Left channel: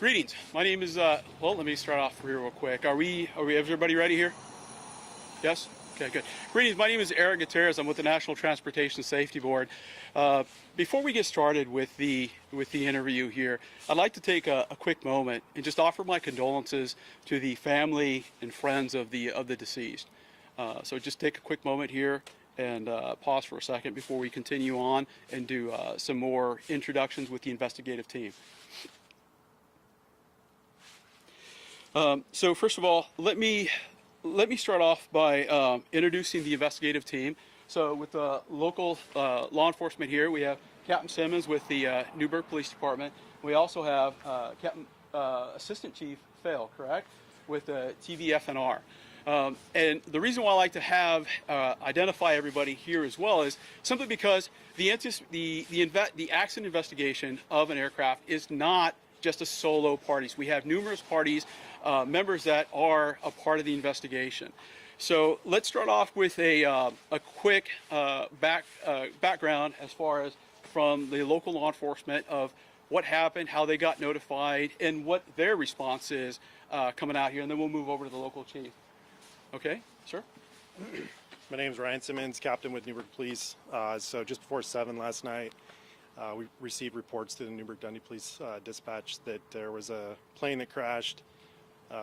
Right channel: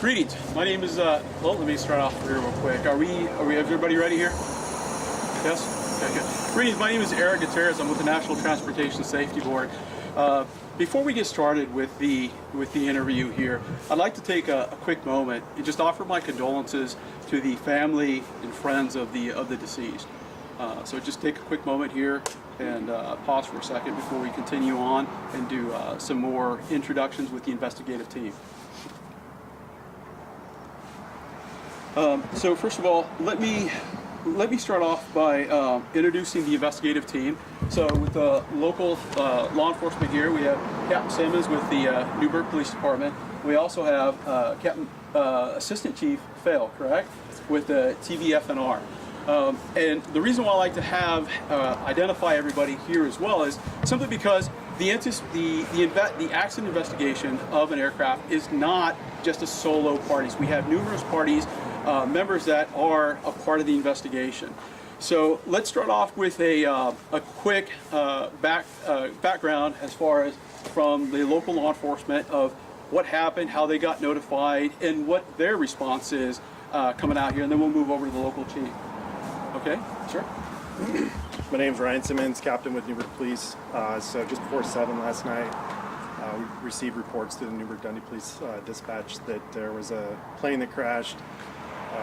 Greetings. My name is. Let me start off here real quick. Are we? Is everybody ready here? Yes. Okay. Good. Greetings. My name is Eric Gutierrez. I'm with the National Transportation Safety Board. Before we get started with the interview here, I'd like to take a quick moment and just offer my condolences to the family and friends of the deceased. So just take a quick moment here and pause for a second before we continue on and do some more introductions with the investigative team. So first of all, let me start off by introducing the investigative team. So with the local law enforcement here, we have Captain Simmons with the Newberg Police Department. We also have Captain Assistant Chief Fail, correct, with the TVFNR. And the reason why I like to have identify everybody here as well is simply because the accident investigation of an aircraft is not just a solo parties. We have numerous parties, members that are a part of the investigation. So let's start off with a quick background as far as from the local law enforcement of what happened, how they got notified, and what their response is coming out here, and then we'll move over to the local chief. Okay, sure. My name's Ryan Simmons, captain with Newberg Police. So just before 7 last night, we received reports to the Newberg Dundee Police dispatch that there was a plane that crashed.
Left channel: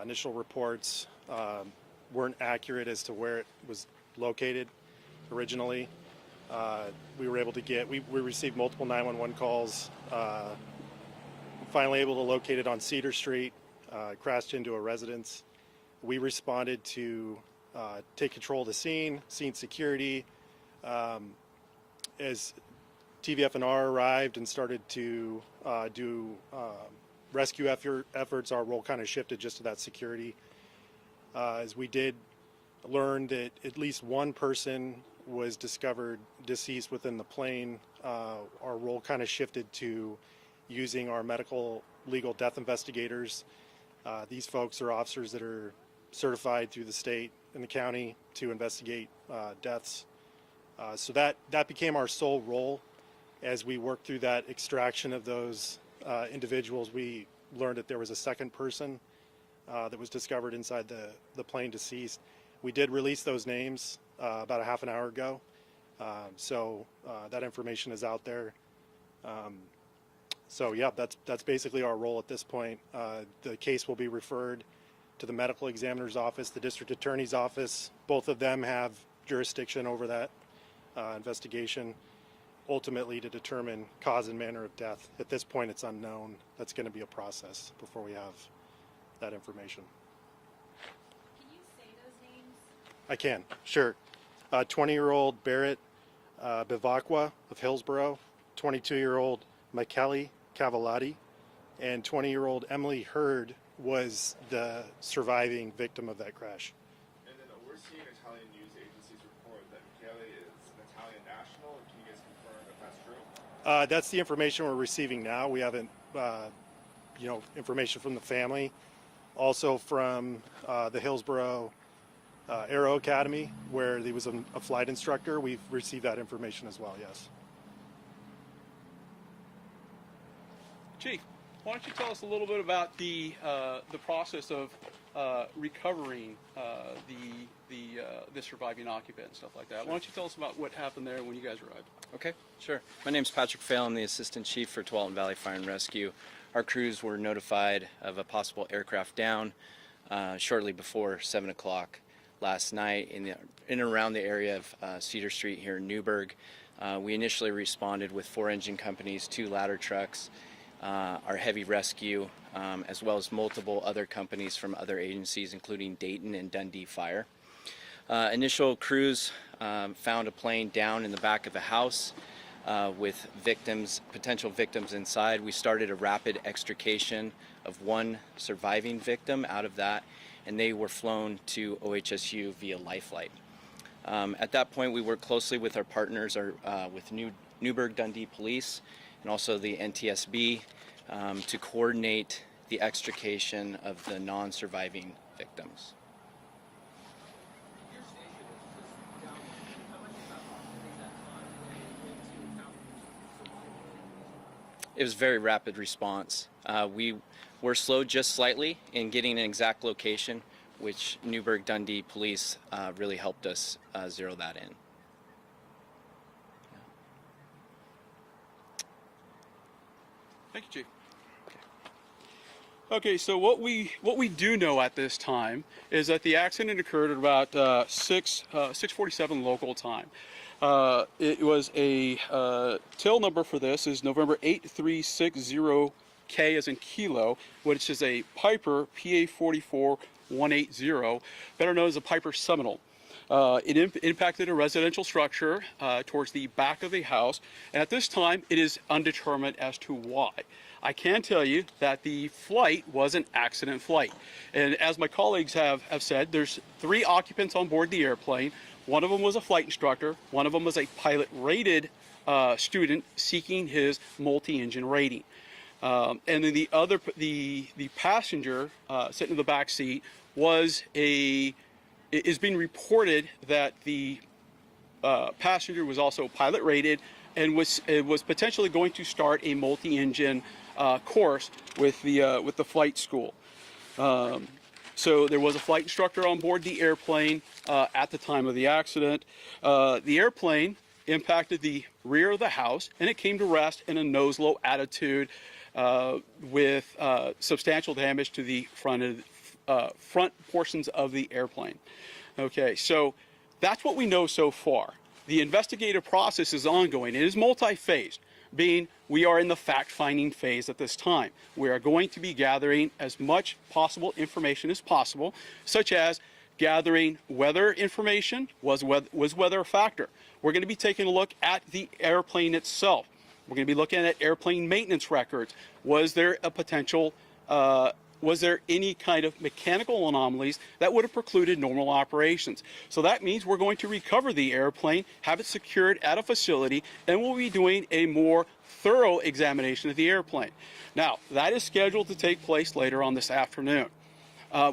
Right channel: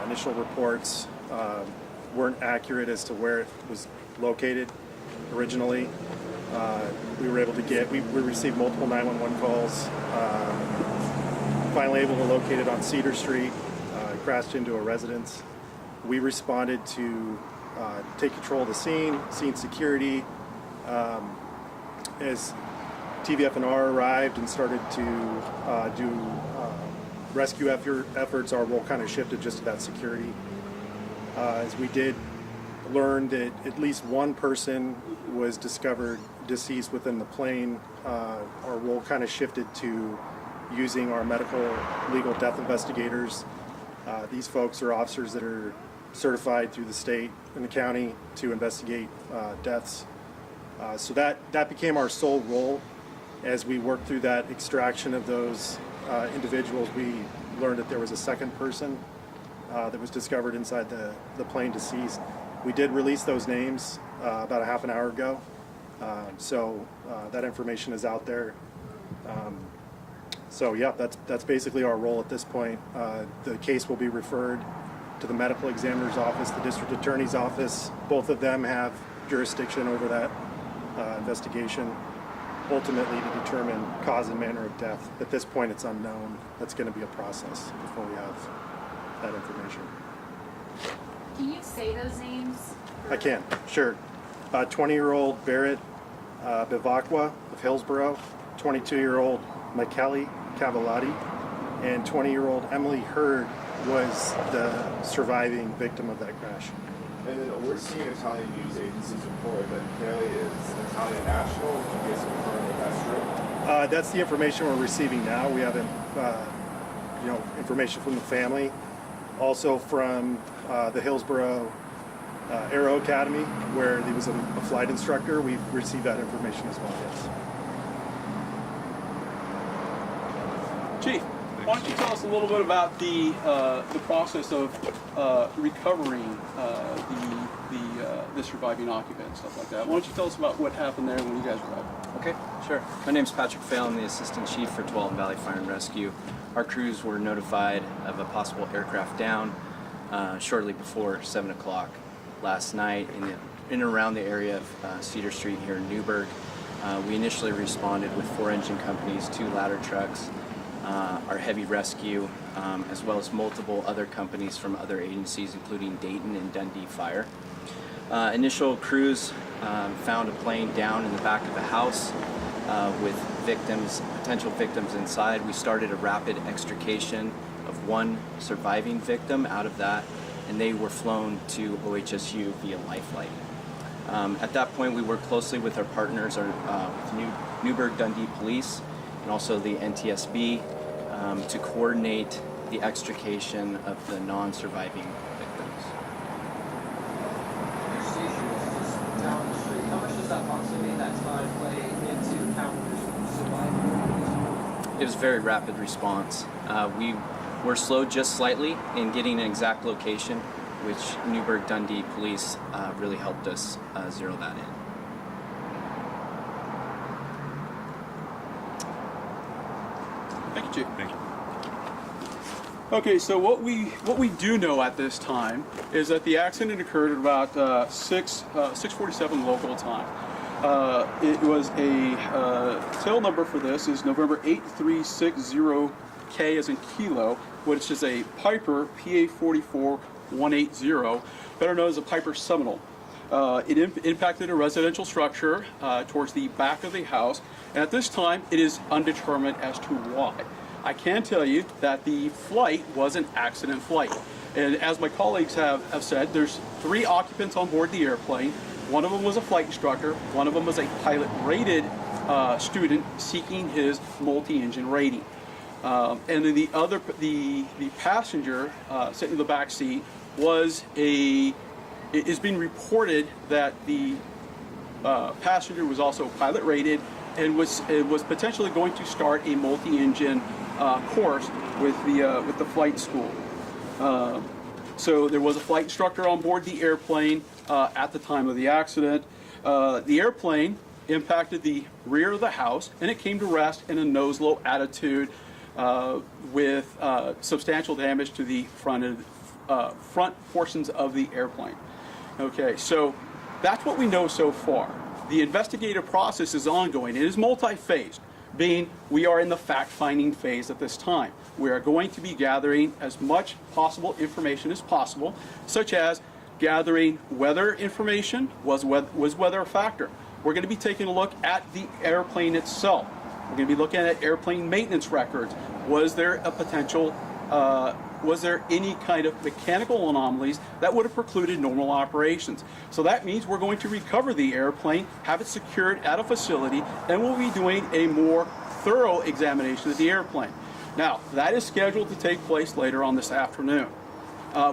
Initial reports weren't accurate as to where it was located originally. We were able to we received multiple 911 calls. Finally able to locate it on Cedar Street. Crashed into a residence. We responded to take control of the scene security. As TVFNR arrived and started to do rescue efforts, our role kind of shifted just to that security. As we did learn that at least one person was discovered deceased within the plane, our role kind of shifted to using our medical legal death investigators. These folks are officers that are certified through the state and the county to investigate deaths. So that became our sole role. As we worked through that extraction of those individuals, we learned that there was a second person that was discovered inside the plane deceased. We did release those names about a half an hour ago. So that information is out there. So yeah, that's basically our role at this point. The case will be referred to the medical examiner's office, the district attorney's office. Both of them have jurisdiction over that investigation, ultimately to determine cause and manner of death. At this point, it's unknown. That's going to be a process before we have that information. Can you say those names? I can, sure. 20-year-old Barrett Bivakwa of Hillsboro, 22-year-old Michele Cavallati, and 20-year-old Emily Hurd was the surviving victim of that crash. And then we're seeing Italian news agencies report that Michele is an Italian national. Can you guys confirm that that's true? That's the information we're receiving now. We haven't, information from the family, also from the Hillsboro Aero Academy, where he was a flight instructor. We've received that information as well. Yes. Chief, why don't you tell us a little bit about the process of recovering the surviving occupant and stuff like that. Why don't you tell us about what happened there when you guys arrived? Okay, sure. My name's Patrick Fail. I'm the Assistant Chief for Tualatin Valley Fire and Rescue. Our crews were notified of a possible aircraft down shortly before 7 o'clock last night in and around the area of Cedar Street here in Newberg. We initially responded with 4 engine companies, 2 ladder trucks, our heavy rescue, as well as multiple other companies from other agencies, including Dayton and Dundee Fire. Initial crews found a plane down in the back of the house with potential victims inside. We started a rapid extrication of one surviving victim out of that, and they were flown to OHSU via lifeline. At that point, we worked closely with our partners, with Newberg Dundee Police and also the NTSB to coordinate the extrication of the non-surviving victims. How much does that proximity in that time play into how surviving? It was a very rapid response. We We're slowed just slightly in getting an exact location, which Newberg Dundee Police really helped us zero that in. Thank you, Chief. Thank you. Okay, so what we do know at this time is that the accident occurred at about 6:47 local time. It was a tail number for this is November 8360K as in kilo, which is a Piper PA 44180, better known as a Piper Seminole. It impacted a residential structure towards the back of the house, and at this time it is undetermined as to why. I can tell you that the flight was an accident flight. And as my colleagues have said, there's 3 occupants on board the airplane. One of them was a flight instructor, one of them was a pilot-rated student seeking his multi-engine rating. And then the passenger sitting in the back seat it is being reported that the passenger was also pilot rated and was potentially going to start a multi-engine course with the flight school. So there was a flight instructor on board the airplane at the time of the accident. The airplane impacted the rear of the house, and it came to rest in a nose-low attitude with substantial damage to the front portions of the airplane. Okay, so that's what we know so far. The investigative process is ongoing. It is multi-phased, being we are in the fact-finding phase at this time. We are going to be gathering as much possible information as possible, such as gathering weather information. Was weather a factor? We're going to be taking a look at the airplane itself. We're going to be looking at airplane maintenance records. Was there a potential was there any kind of mechanical anomalies that would have precluded normal operations? So that means we're going to recover the airplane, have it secured at a facility, and we'll be doing a more thorough examination of the airplane. Now, that is scheduled to take place later on this afternoon.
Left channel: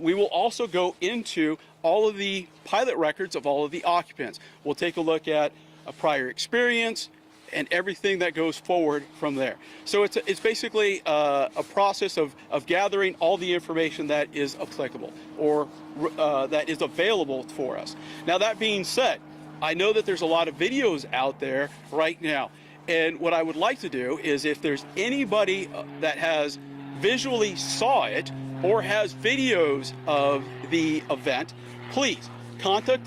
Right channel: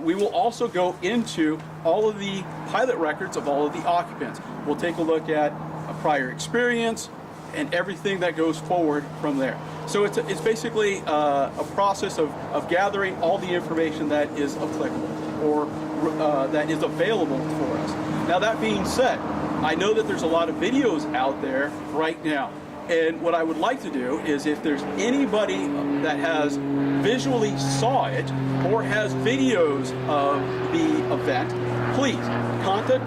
We will also go into all of the pilot records of all of the occupants. We'll take a look at a prior experience and everything that goes forward from there. So it's basically a process of gathering all the information that is applicable or that is available for us. Now, that being said, I know that there's a lot of videos out there right now. And what I would like to do is if there's anybody that has visually saw it or has videos of the event, please contact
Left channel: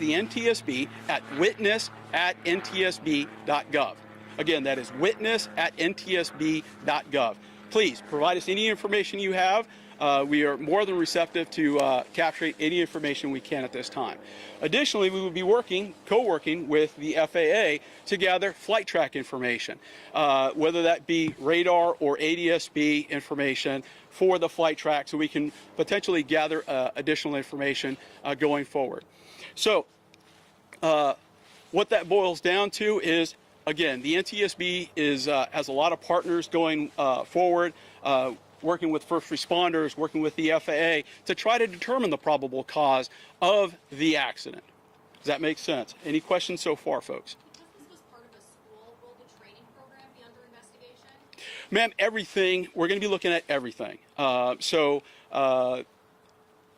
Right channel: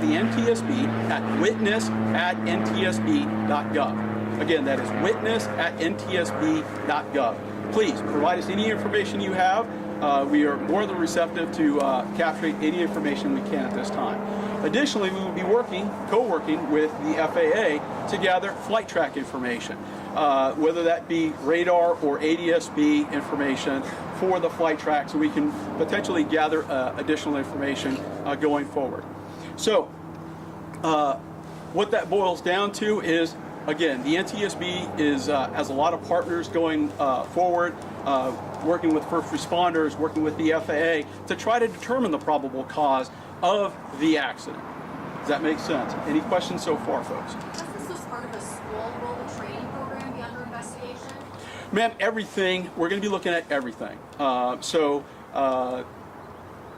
the NTSB at witness@ntsb.gov. Again, that is witness@ntsb.gov. Please provide us any information you have. We are more than receptive to capturing any information we can at this time. Additionally, we will be co-working with the FAA to gather flight track information, whether that be radar or ADSB information for the flight track, so we can potentially gather additional information going forward. So, what that boils down to is, again, the NTSB has a lot of partners going forward, working with first responders, working with the FAA to try to determine the probable cause of the accident. Does that make sense? Any questions so far, folks? Since this was part of a school, will the training program be under investigation? Ma'am, everything. We're going to be looking at everything.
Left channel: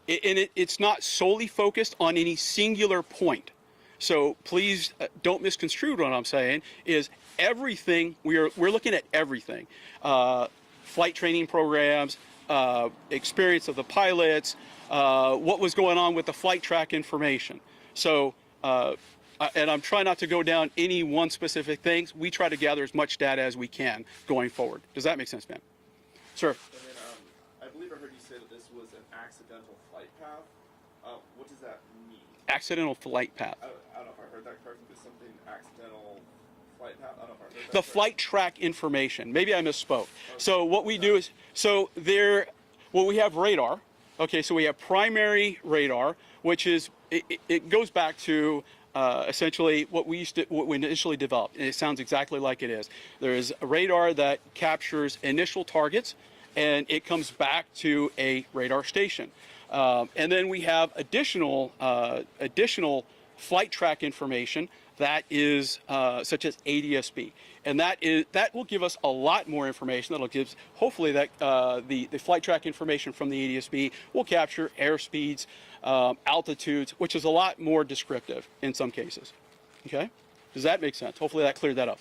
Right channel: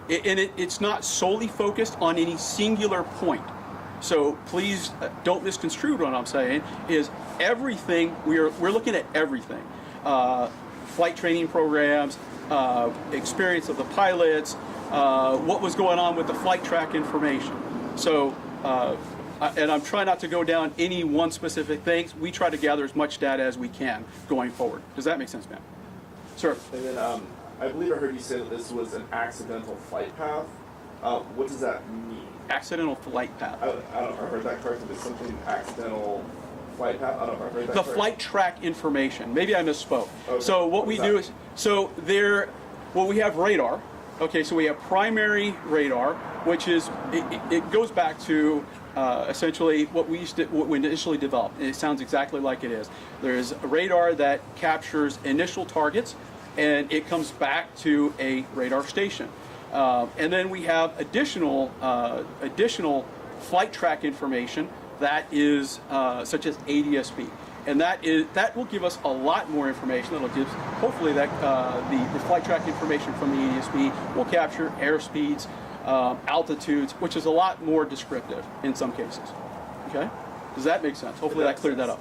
It's not solely focused on any singular point. So please don't misconstrue what I'm saying. Is everything we're looking at everything. Flight training programs, experience of the pilots, what was going on with the flight track information. So, and I'm trying not to go down any one specific thing. We try to gather as much data as we can going forward. Does that make sense, ma'am? Sir. And then I believe I heard you say that this was an accidental flight path. What does that mean? Accidental flight path. I don't know if I heard that correctly, but something accidental flight path? I don't know if I heard that The correctly. flight track information. Maybe I misspoke. Okay. So what we do is, we have radar. Okay, so we have primary radar, which is, it goes back to essentially what we initially developed. And it sounds exactly like it is. There is a radar that captures initial targets, and it comes back to a radar station. And then we have additional flight track information that is such as ADSB. and that will give us a lot more information. That'll give, hopefully, that the flight track information from the NTSB will capture airspeeds, altitudes, which is a lot more descriptive in some cases. Okay, does that make sense? Hopefully that cleared that up.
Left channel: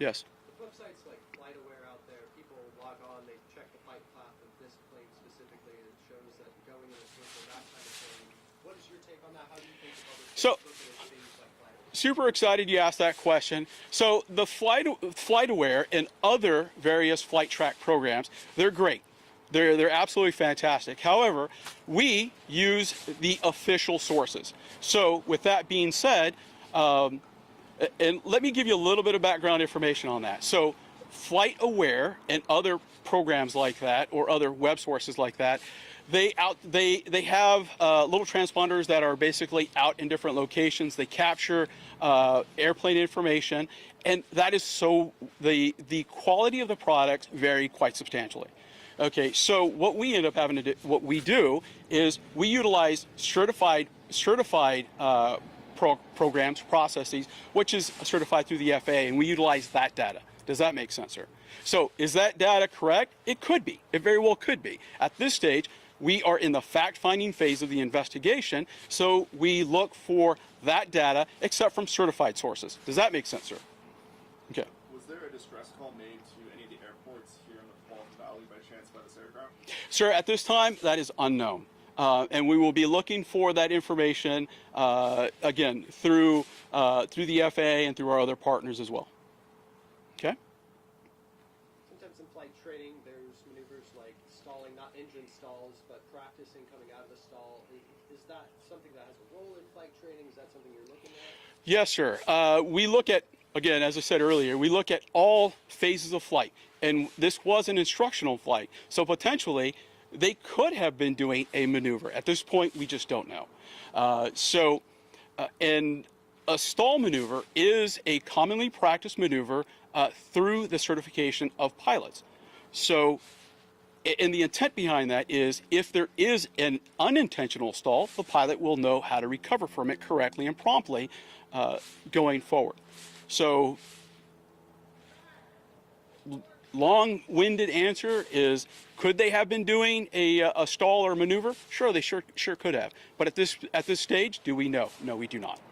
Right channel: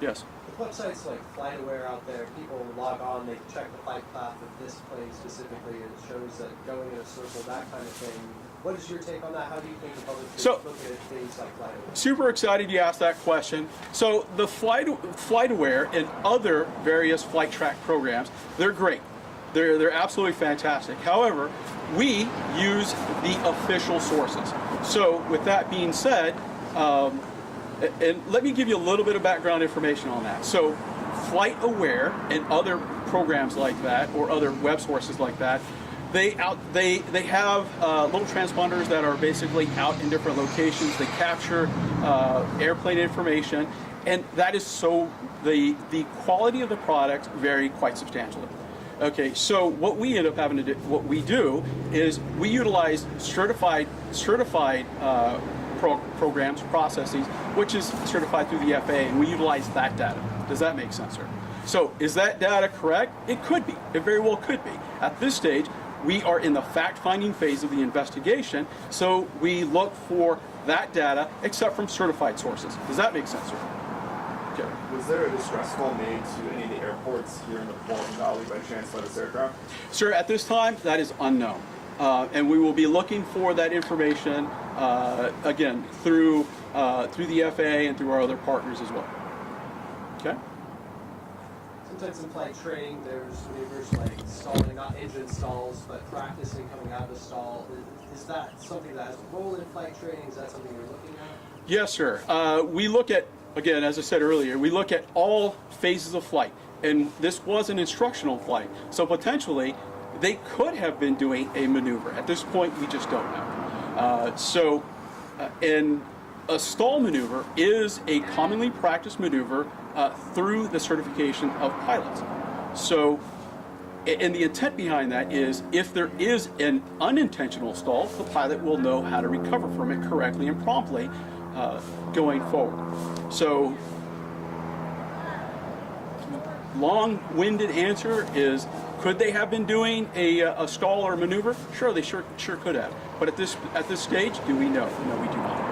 Yes. The websites like FlightAware out there, people log on, they check the flight path of this plane specifically, and it shows that going in a circle, that kind of thing. What is your take on that? How do you think the public should look at things like FlightAware? Super excited you asked that question. So the FlightAware and other various flight track programs, they're great. They're absolutely fantastic. However, we use the official sources. So with that being said, and let me give you a little bit of background information on that. So FlightAware and other programs like that, or other web sources like that, they have little transponders that are basically out in different locations. They capture airplane information, and that is so the quality of the product vary quite substantially. Okay, so what we end up having to do, what we do is we utilize certified programs, processes, which is certified through the FAA, and we utilize that data. Does that make sense, sir? So is that data correct? It could be. It very well could be. At this stage, we are in the fact-finding phase of the investigation, so we look for that data except from certified sources. Does that make sense, sir? Okay. Was there a distress call made to any of the airports here in the Walton Valley by chance by this aircraft? Sir, at this time, that is unknown. And we will be looking for that information, again, through the FAA and through our other partners as well. Okay? Sometimes in flight training, there's maneuvers like stalling, not engine stalls, but practicing coming out of the stall. Is that something that has a role in flight training? Is that something you're looking at? Yes, sir. We look at, again, as I said earlier, we look at all phases of flight. And this was an instructional flight. So potentially, they could have been doing a maneuver. At this point, we just don't know. And a stall maneuver is a commonly practiced maneuver through the certification of pilots. So, and the intent behind that is if there is an unintentional stall, the pilot will know how to recover from it correctly and promptly going forward. So, long-winded answer is, could they have been doing a stall or maneuver? Sure, they sure could have. But at this stage, do we know? No, we do not.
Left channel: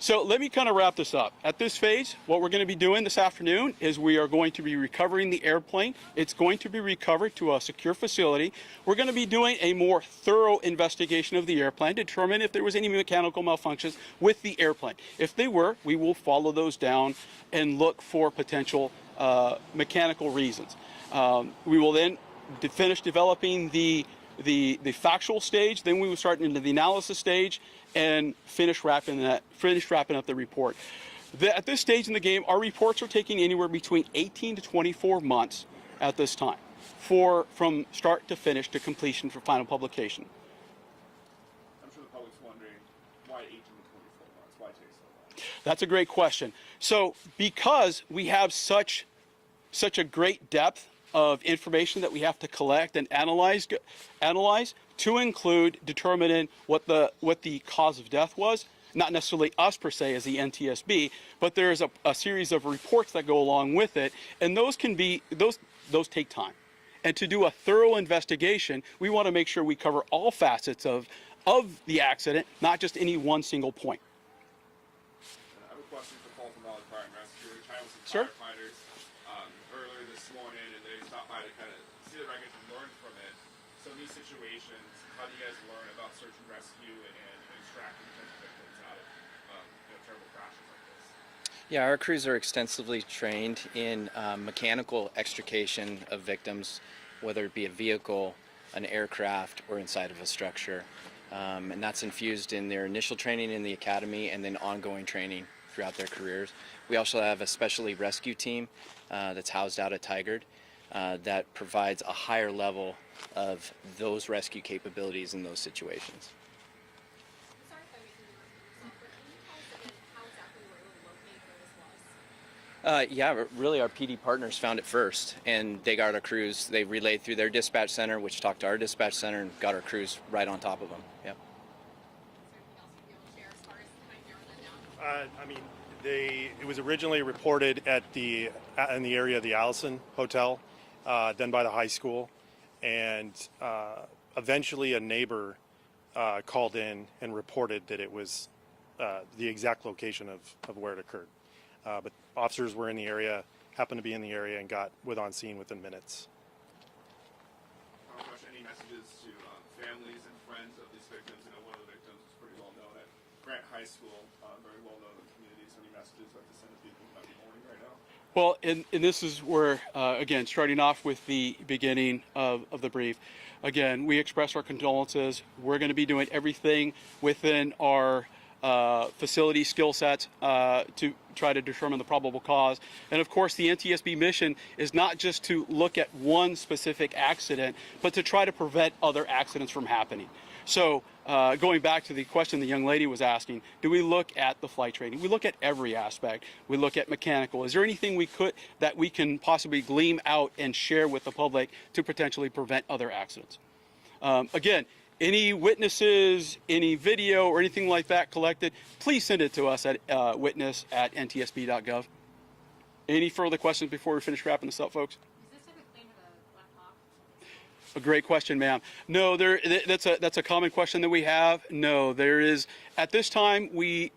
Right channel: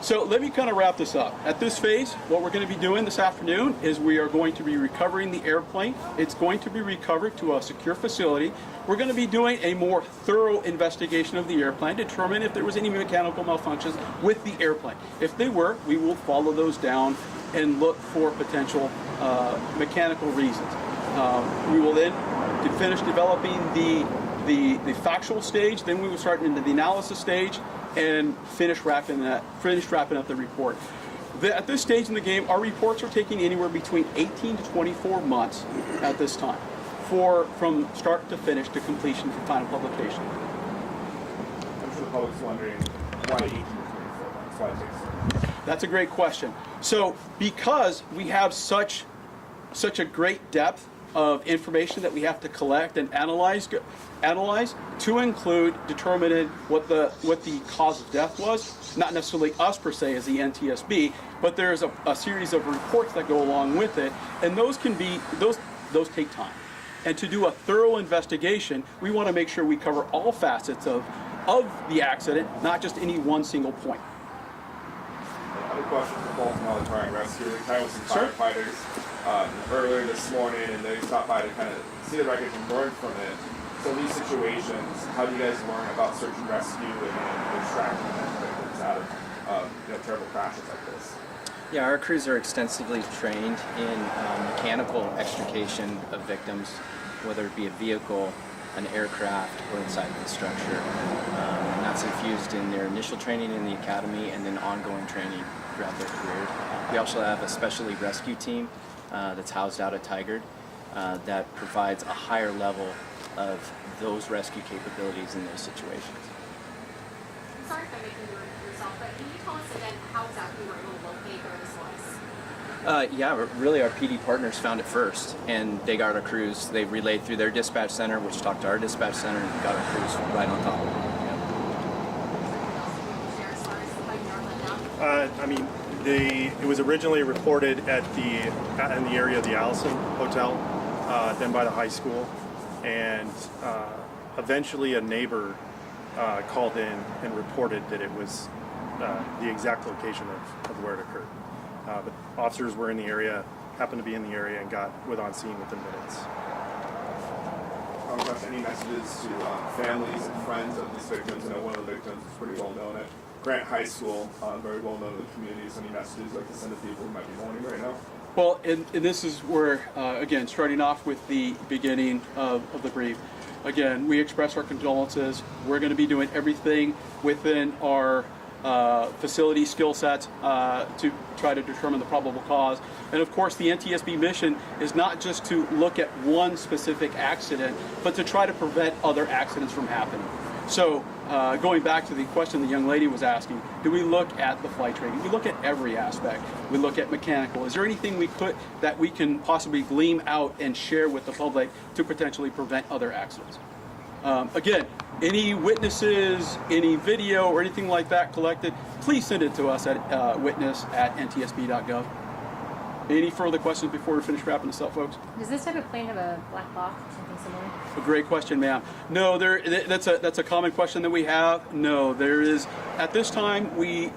So let me kind of wrap this up. At this phase, what we're going to be doing this afternoon is we are going to be recovering the airplane. It's going to be recovered to a secure facility. We're going to be doing a more thorough investigation of the airplane, determine if there was any mechanical malfunctions with the airplane. If they were, we will follow those down and look for potential mechanical reasons. We will then finish developing the factual stage. Then we will start into the analysis stage and finish wrapping up the report. At this stage in the game, our reports are taking anywhere between 18 to 24 months at this time, from start to finish to completion for final publication. I'm sure the public's wondering why 18 to 24 months, why it takes so long. That's a great question. So because we have such a great depth of information that we have to collect and analyze to include determining what the cause of death was, not necessarily us per se as the NTSB, but there's a series of reports that go along with it, and those take time. And to do a thorough investigation, we want to make sure we cover all facets of the accident, not just any one single point. I have a question for Walton Valley Fire and Rescue. We kind of with some Sure. firefighters earlier this morning, and they stopped by to kind of see the wreckage and learn from it. So in these situations, how do you guys learn about search and rescue and extracting victims out of terrible crashes like this? Yeah, our crews are extensively trained in mechanical extrication of victims, whether it be a vehicle, an aircraft, or inside of the structure. And that's infused in their initial training in the academy and then ongoing training throughout their careers. We also have a specialty rescue team that's housed out at Tigard that provides a higher level of those rescue capabilities in those situations. I'm sorry if I'm making you repeat yourself, but can you tell us again how exactly we're able to locate where this was? Yeah, really our PD partners found it first, and they got our crews. They relayed through their dispatch center, which talked to our dispatch center, and got our crews right on top of it. Yeah. Anything else you can share as far as like Northland now? I mean, it was originally reported in the area of the Allison Hotel, then by the high school, and eventually a neighbor called in and reported that it was the exact location of where it occurred. But officers were in the area, happened to be in the area, and was on scene within minutes. Any messages to families and friends of these victims? I know one of the victims is pretty well known at Grant High School, very well known in the community. So any messages you'd like to send to people who might be mourning right now? Well, and this is where, again, starting off with the beginning of the brief. Again, we express our condolences. We're going to be doing everything within our facility skill sets to try to determine the probable cause. And of course, the NTSB mission is not just to look at one specific accident, but to try to prevent other accidents from happening. So going back to the question the young lady was asking, do we look at the flight training? We look at every aspect. We look at mechanical. Is there anything that we can possibly glean out and share with the public to potentially prevent other accidents? Again, any witnesses, any video or anything like that collected, please send it to us at witness@ntsb.gov. Any further questions before we finish wrapping this up, folks? Does this type of plane have a black box or something similar? A great question, ma'am. No, that's a common question that we have. No, there is, at this time,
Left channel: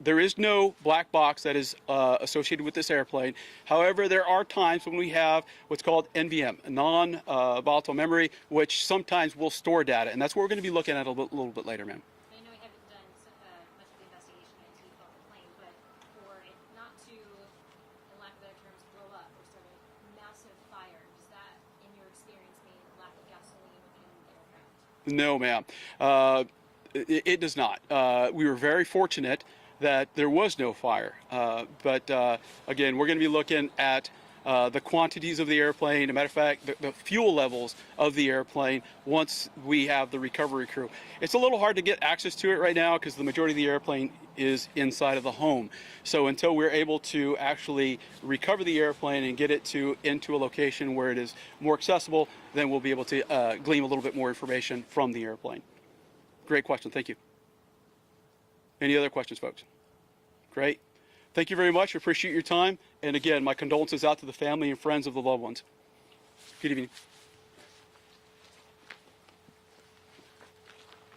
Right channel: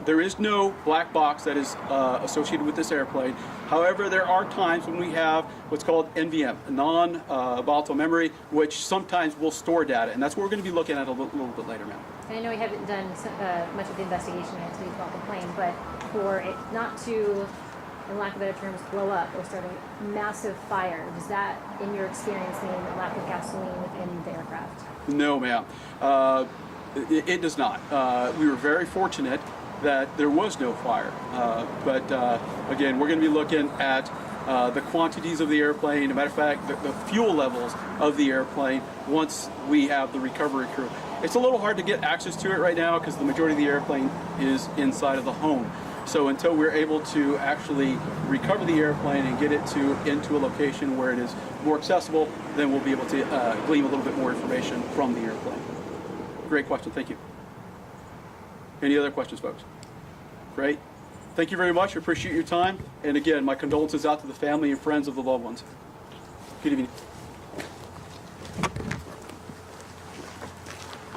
there is no black box that is associated with this airplane. However, there are times when we have what's called NVM, non-volatile memory, which sometimes will store data, and that's what we're going to be looking at a little bit later, ma'am. I know we haven't done much of the investigation yet to about the plane, but for it not to, in lack of better terms, blow up or start a massive fire, does that, in your experience, mean a lack of gasoline within the aircraft? No, ma'am. It does not. We were very fortunate that there was no fire. But again, we're going to be looking at the quantities of the airplane. As a matter of fact, the fuel levels of the airplane once we have the recovery crew. It's a little hard to get access to it right now because the majority of the airplane is inside of the home. So until we're able to actually recover the airplane and get it into a location where it is more accessible, then we'll be able to glean a little bit more information from the airplane. Great question, thank you. Any other questions, folks? Great. Thank you very much, I appreciate your time. And again, my condolences out to the family and friends of the loved ones. Good evening.